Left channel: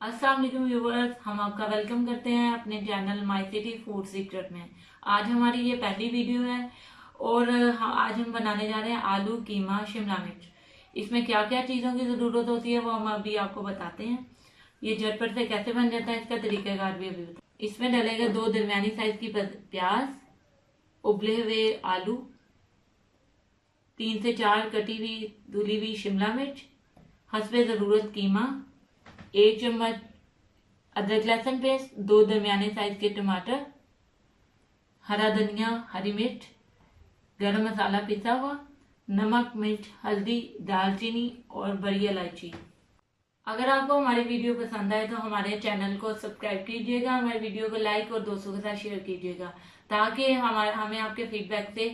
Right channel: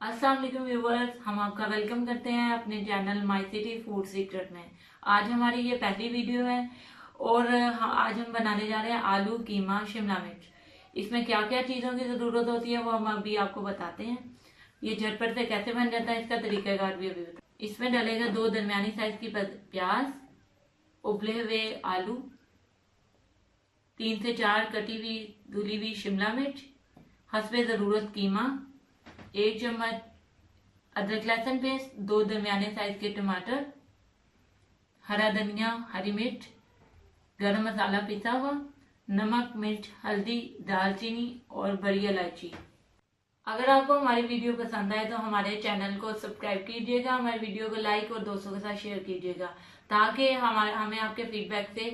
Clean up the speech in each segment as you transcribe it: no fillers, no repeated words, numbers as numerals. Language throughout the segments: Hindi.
अस्सलाम वालेकुम व्यूवर्स, हम आपका वेलकम करते हैं अपने channel my city food secret में। आज हमारी ये पहली वीडियो है और आज हम बनाने जा रहे हैं आलू कीमा शिमला मिर्च। इसमें क्या क्या चीज़ों की ज़रूरत होती है वो हम अभी आपको बताते हैं। ये झटपट से कैसे बन जाता है इसका तरीकाकार भी अभी बताते हैं। इसमें डलेगा 2 दरमियानी साइज की प्याज, उबले हुए आलू, 3 से 4 कटी हुई धुली हुई शिमला मिर्च, हस्बे ज़रूरत कीमा, 1 चम्मच अदरक लहसुन पेस्ट, 2 दरमियाने साइज के टमाटर, हरा धनिया, हरी मिर्च, गरम मसाला पिसा हुआ, नमक, मिर्च, हल्दी, दालचीनी और बड़ी इलायची। अगर आपको हमारी वीडियो पसंद आए तो हमारे चैनल को सब्सक्राइब कीजिएगा, हमारी वीडियो को लाइक और दोस्तों के साथ शेयर कीजिएगा ताकि हमें आपके फीडबैक से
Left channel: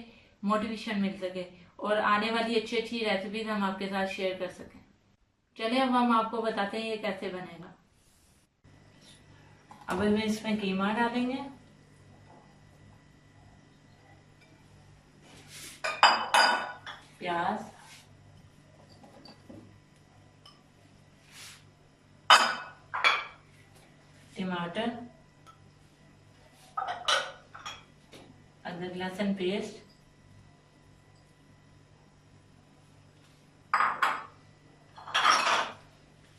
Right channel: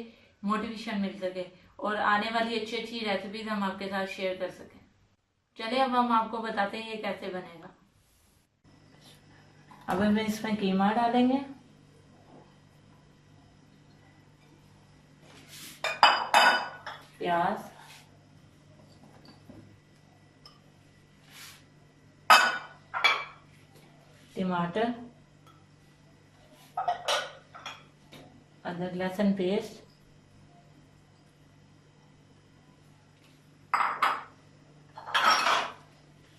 मोटिवेशन मिल सके और आने वाली अच्छी अच्छी रेसिपीज हम आपके साथ शेयर कर सकें। चलिए अब हम आपको बताते हैं ये कैसे बनेगा। अब हम इसमें कीमा डालेंगे, प्याज, टमाटर, अदरक लहसुन पेस्ट,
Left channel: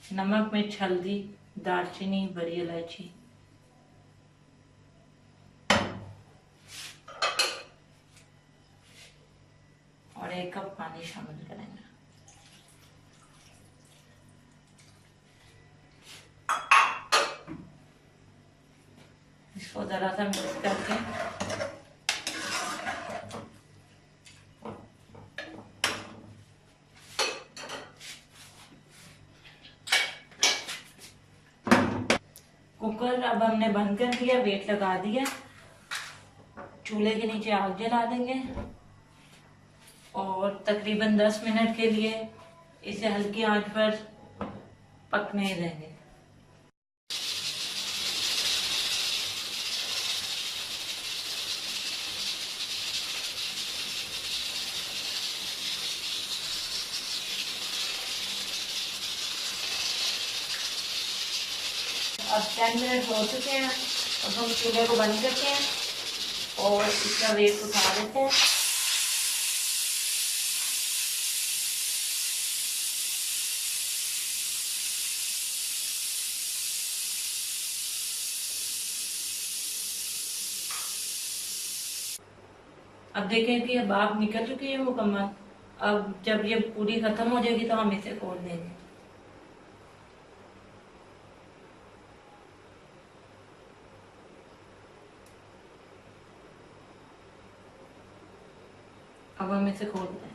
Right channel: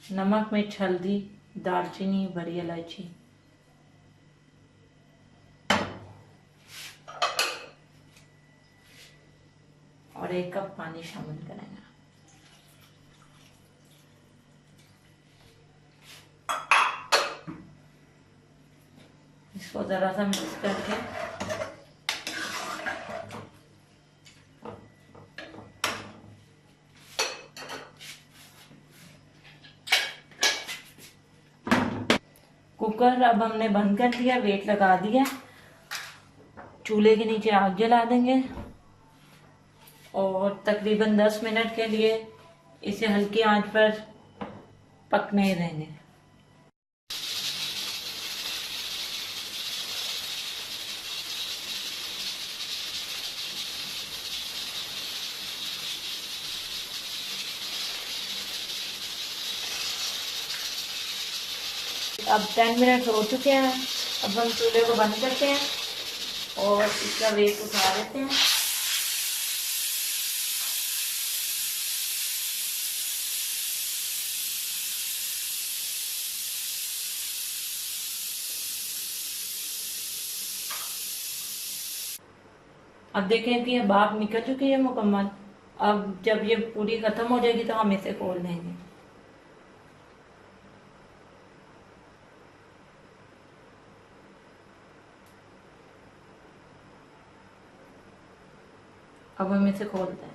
नमक, मिर्च, हल्दी, दालचीनी, बड़ी इलायची और 1 कप पानी शामिल करेंगे। इसको जरा सा मिक्स करके कुकर अब हमने बंद कर दिया, वेट लगा दिया, चूल्हे के नीचे आग जला देंगे और तकरीबन 10 मिनट के लिए इसे हल्की आंच पर पकने देंगे। अब 10 मिनट हो चुके हैं। अब हम चूल्हे को बंद करते हैं और इसका वेट उठा देते हैं। अब देखें कि अब भाप निकल चुकी है मुकम्मल। अब जब ये पूरी खत्म हो जाएगी तो हम इसे खोल देंगे। अब हम इसे खोलते हैं।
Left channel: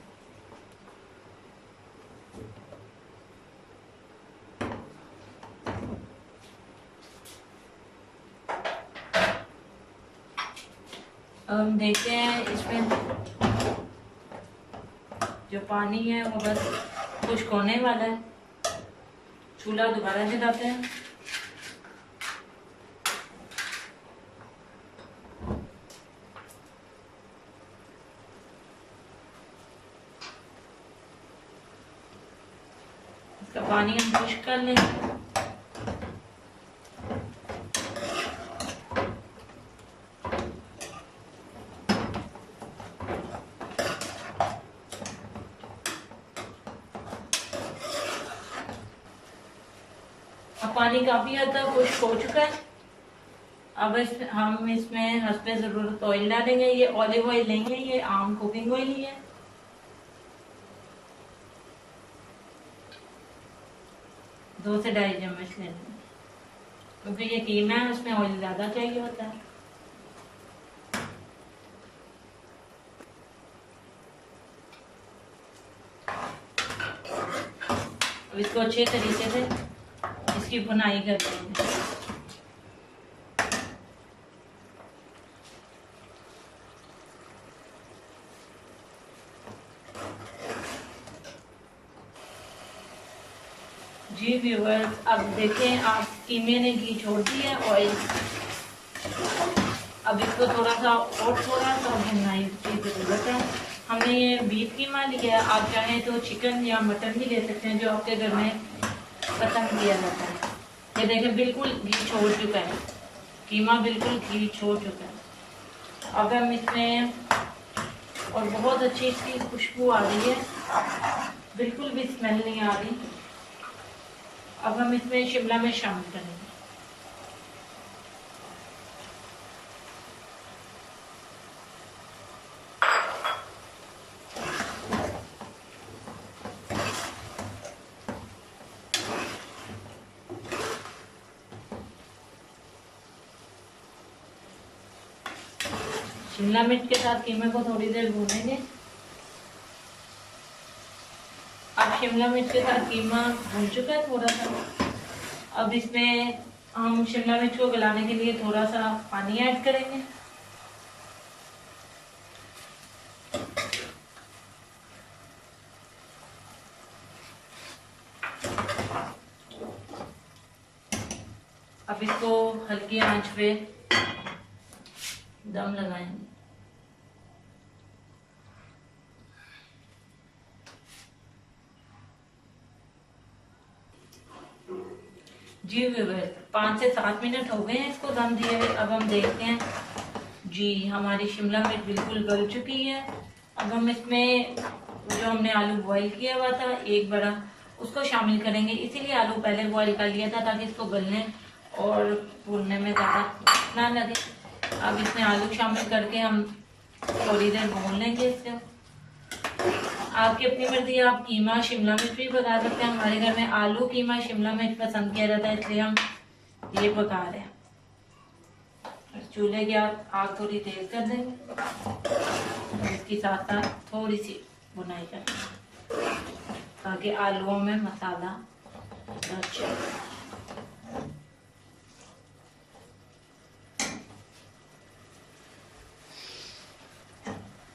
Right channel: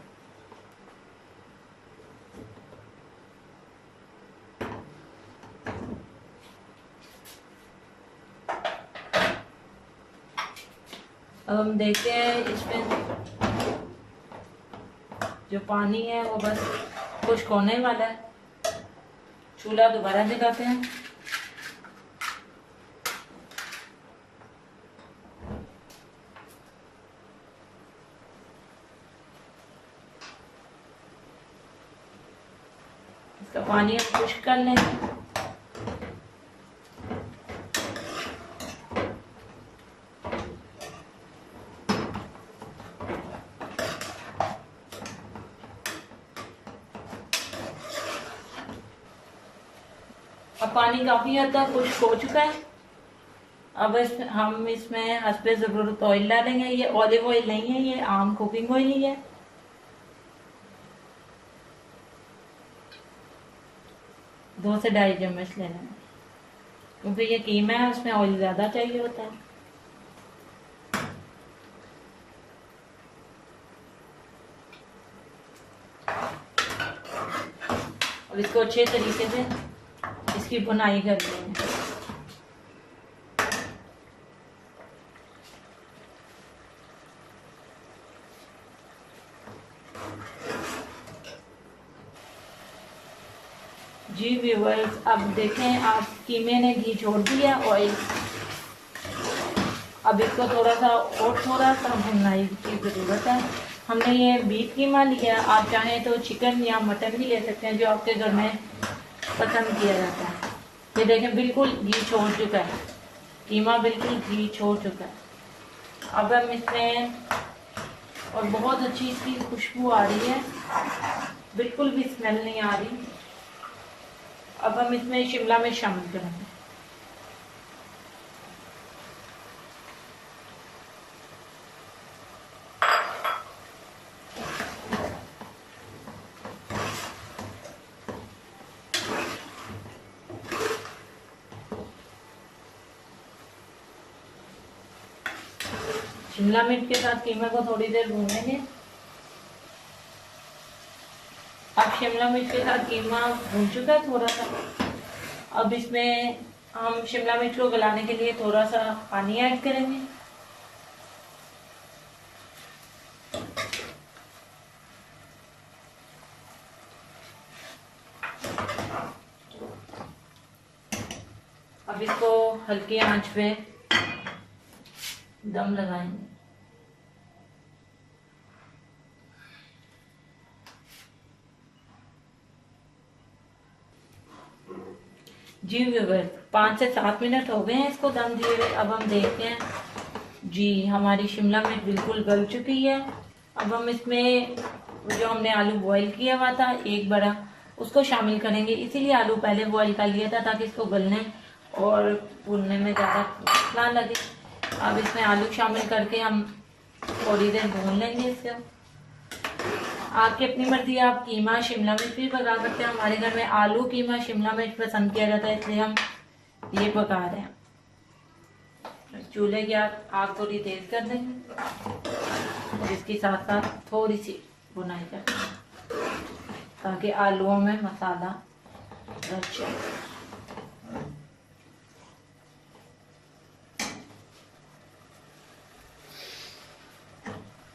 अब हम देखते हैं इसमें जो पानी है वो बस खुश्क होने वाला है। चूल्हा दोबारा जलाते हैं। इसका पानी हम खुश्क कर लेंगे। अब पानी काफी हद तक खुश्क हो चुका है। अब हम इसमें हस्बे जरूरत ऑयल डालेंगे। ये ऑलिव ऑयल नहीं है, ये आम कुकिंग ऑयल ही है। दो से 2.5 चम्मच लेना है क्योंकि ये कीमा है, उसमें ऑयल ज्यादा चाहिए होता है। अब इसको अच्छे तरीके से इसकी बुनाई करनी है। जी व्यूवर्स, अब देखें आप कीमे ने घी छोड़ दिया, ऑयल। अब इसको थोड़ा सा भुनाई की जरूरत है। हमने ये बीफ कीमा लिया, आप चाहें तो चिकन या मटन भी ले सकते हैं जो आपके घर में पसंद किया जाता है। ये देखें बिल्कुल घी छोड़ चुका है, कीमा बिल्कुल घी छोड़ चुका है। अब हम इसमें, और बहुत अच्छी इसकी खुशबू आ रही है, बिल्कुल भी स्मेल नहीं आ रही। अब हम इसमें शिमला मिर्च शामिल करेंगे। शिमला मिर्च के साथ कीमे को थोड़ी देर भूनेंगे। अब शिमला मिर्च के साथ कीमा भून चुका है थोड़ा सा। अब इसमें हम शिमला मिर्च को गलाने के लिए थोड़ा सा पानी ऐड करेंगे। अब इसको हल्की आंच पे दम लगाएंगे। जी व्यूअर्स, 5 से 7 मिनट हो गए हैं इसको दम दिए हुए। अब हम देखते हैं जी, हमारी शिमला मिर्च बिल्कुल गल चुकी है। अब हम इसमें जो हमने आलू बॉईल किया हुआ था एक बड़ा, उसको शामिल करेंगे। इसीलिए आलू पहले बॉईल कर लिया था ताकि इसको गलने और भूनने में ज़्यादा ना लगे। अब इसमें आलू शामिल करके हम थोड़ी देर भून लेंगे इसको। आपकी अपनी मर्जी, आप कीमा शिमला मिर्च भी पका सकते हैं। हमारे घर में आलू कीमा शिमला मिर्च पसंद किया जाता है, इसलिए हम ये पका रहे हैं। चूल्हे की आग थोड़ी तेज कर देंगे, इसके साथ साथ थोड़ी सी भुनाई करेंगे ताकि आलूओं में मसाला अच्छा।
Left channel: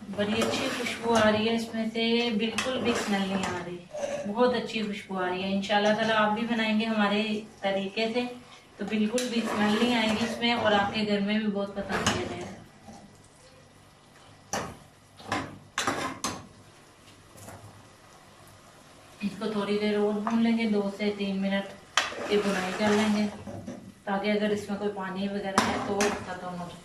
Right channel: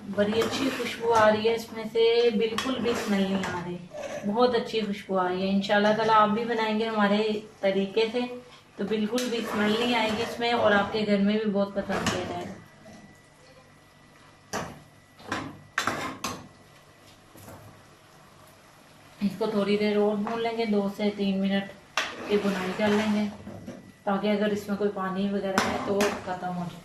बड़ी अच्छी खुशबू आ रही है इसमें से, बिल्कुल भी स्मेल नहीं आ रही, बहुत अच्छी खुशबू आ रही है। इंशाल्लाह ताला आप भी बनाएंगे हमारे तरीके से तो बिल्कुल भी स्मेल नहीं आएगी इसमें, और आपके घर में भी बहुत पसंद किया जाएगा। इसको थोड़ी देर और भून लेंगे, 2 से 3 मिनट की भुनाई कर लेंगे ताकि अगर इसमें कोई पानी वगैरह है तो खत्म हो जाए।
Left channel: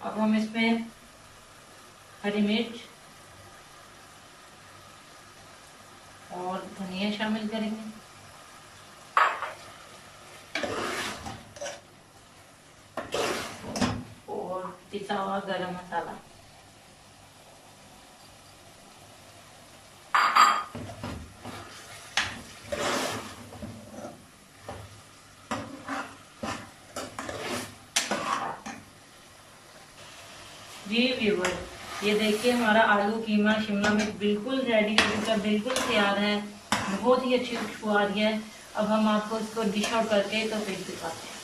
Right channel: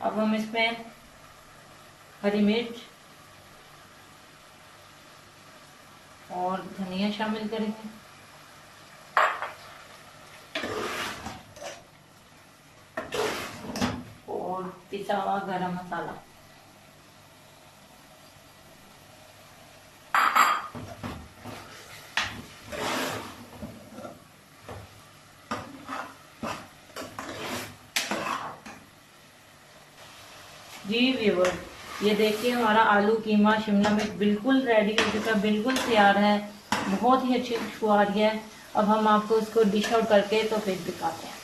अब हम इसमें हरी मिर्च और धनिया शामिल करेंगे। और पिसा हुआ गरम मसाला। जी व्यूअर, ये देखिए हमारा आलू कीमा शिमला मिर्च बिल्कुल रेडी हो चुका है, बिल्कुल तैयार है, बहुत ही अच्छी खुशबू आ रही है। अब हम आपको इसको डिश आउट करके तो फिर दिखाते हैं।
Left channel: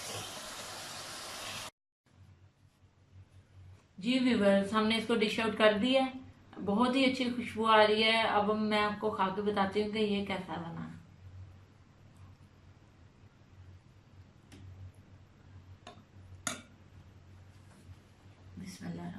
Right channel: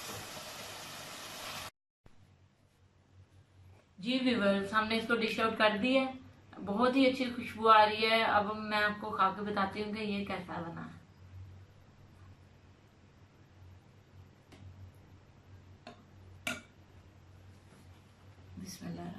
जी व्यूअर्स, हमने इसको डिश आउट कर दिया है, बहुत ही अच्छी खुशबू आ रही है। अब मैं आपको खा के बताती हूँ कि ये कैसा बना है। बिस्मिल्लाह।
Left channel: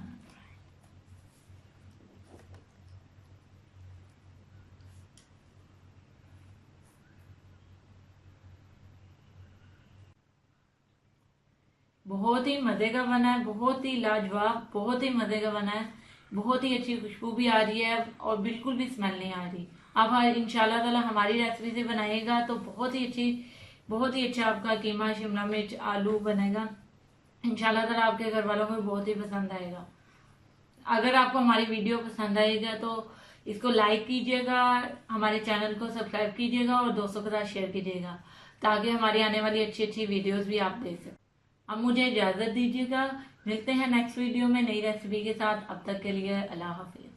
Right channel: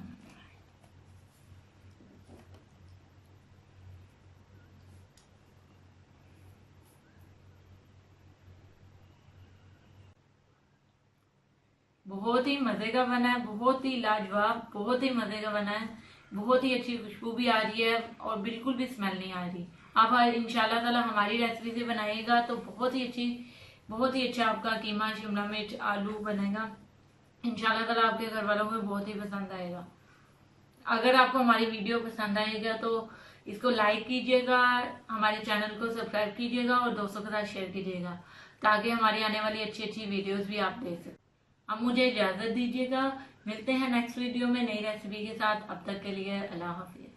बहुत ही मजे का बना है, बहुत ही लाजवाब, बहुत ही मजे का बना है, बहुत ही अच्छी खुशबू भी आ रही है और बिल्कुल भी स्मेल नहीं आ रही। आप इंशाल्लाह ताला हमारी रेसिपी से बनाइएगा तो बहुत ही अच्छा आपका कीमा शिमला मिर्च आलू बनेगा। इंशाल्लाह ताला आपके घर वालों को बहुत ही पसंद आएगा। अगर आपको हमारी वीडियो पसंद आएगा तो इसको लाइक कीजिएगा, हमारे चैनल को सब्सक्राइब कीजिएगा और दोस्तों के साथ शेयर कीजिएगा ताकि हमारी आने वाली अच्छी अच्छी वीडियोस भी आप देख सकें। अब मुझे इजाजत दीजिएगा, मिलते हैं नेक्स्ट वीडियो में नई रेसिपी के साथ। अब तक के लिए अल्लाह हाफिज।